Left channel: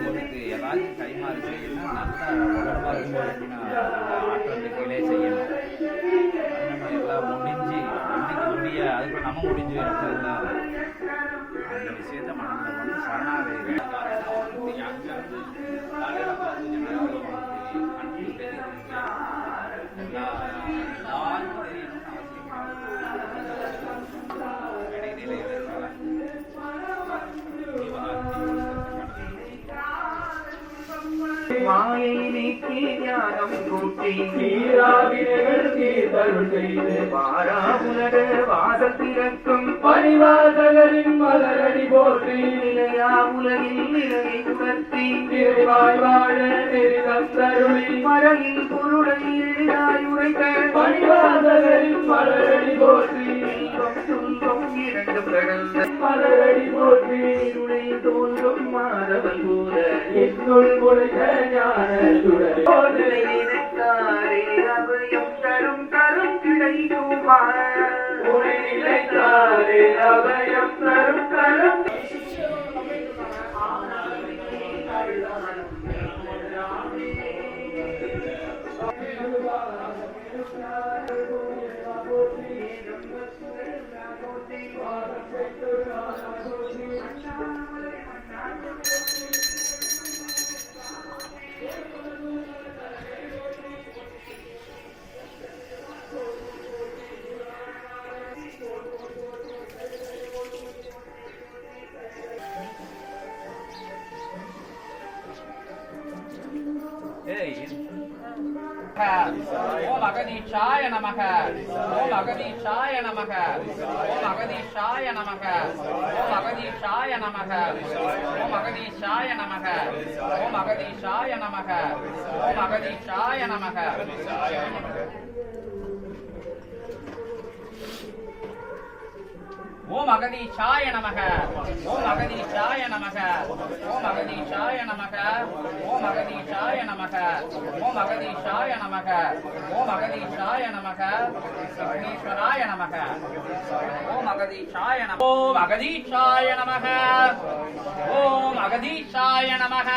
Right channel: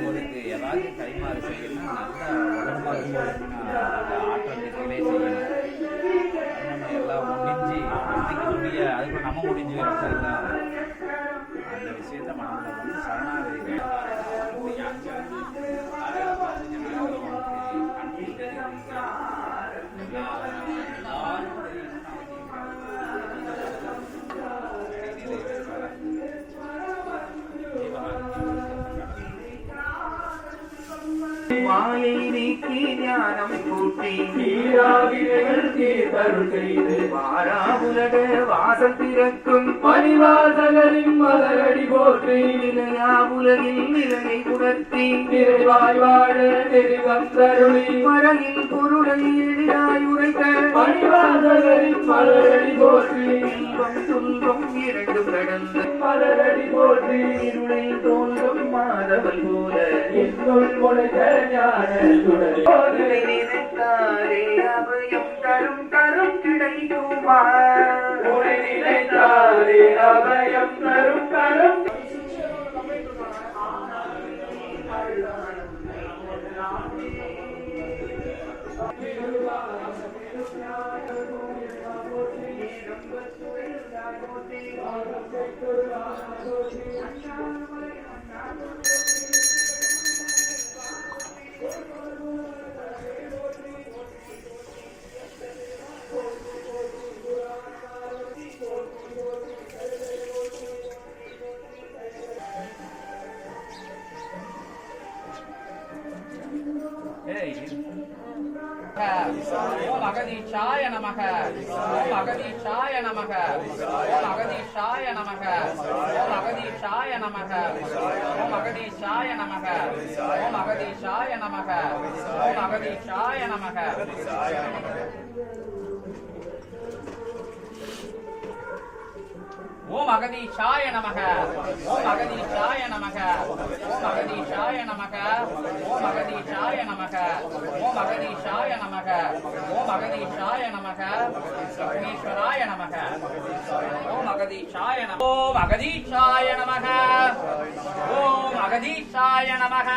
கைமாறு செய்யணும், நல்லா உடம்பா இருக்கும்போது ஆற்றல் திசையிலே செய்யணும். நம்ம எல்லாம் முடிஞ்சு முடிய அதுக்கு நம்ம முடிஞ்சு எல்லாம் அந்த விஷயத்த மனதில் வந்து சரணாகதி அங்கிருந்து காலையில் பார்த்து கண்ணு தெரியுது எல்லா மாயை நீக்கி ஞானம் கூட்டி நீராவிகள் தீர்த்தருள் செய்து வாராவுலக வாசல் திறக்கும் பணிவாசகரின் மலரடி போற்றி நிலையா உலகில் நிலையை உணர்த்தி நிறைவாய் வாழ நெறிதம் தருளி மறையின் பொருளை எளிதாய் உரைத்த பணிவாசகரின் மலரடி போற்றி துன்பம் இரண்டும் கடந்த மலரடி போற்றி இருளை தோன்றும் மாதவன் போல இன்னுள் முழுக அபயம் தரும் தரும் கிடைக்குமா நினைத்தாரே அபயம் தரும் தரும் ஓம் அகதீஷாய நமக ஓம் அகதீஷாய நமக ஓம் அகதீஷாய நமக ஓம் அகதீஷாய நமக ஓம் அகதீஷாய நமக ஓம் அகதீஷாய நமக ஓம் அகதீஷாய நமக ஓம் அகதீஷாய நமக ஓம் அகதீஷாய நமக ஓம் அகதீஷாய நமக ஓம் அகதீஷாய நமக ஓம் அகதீஷாய நமக ஓம் அகதீஷாய நமக விக்னேஸ்வராய நமக ஓம் அகதீஷாய நமக ஓம் அகதீஷாய நமக ஓம் அகதீஷாய நமக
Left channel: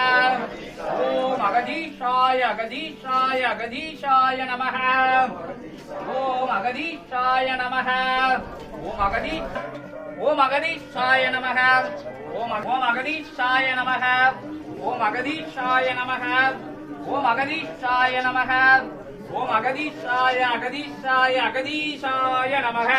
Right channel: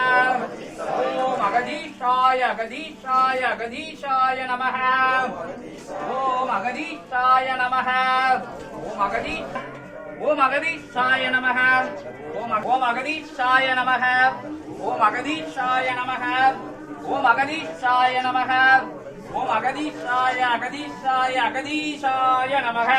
ஓம் அகதீஷாய அகதீஷாய அகதீஷாய நமக ஓம் அகதீஷாய நமக ஓம் அகதீ ஓம் அகதீஷாய நமக ஓம் அகதீஷாய நமக ஓம் அகதீஷாய நமக ஓம் அகதீஷாய நமக ஓம் அகதீஷாய அகதீஷாய அகதீஷாய நமக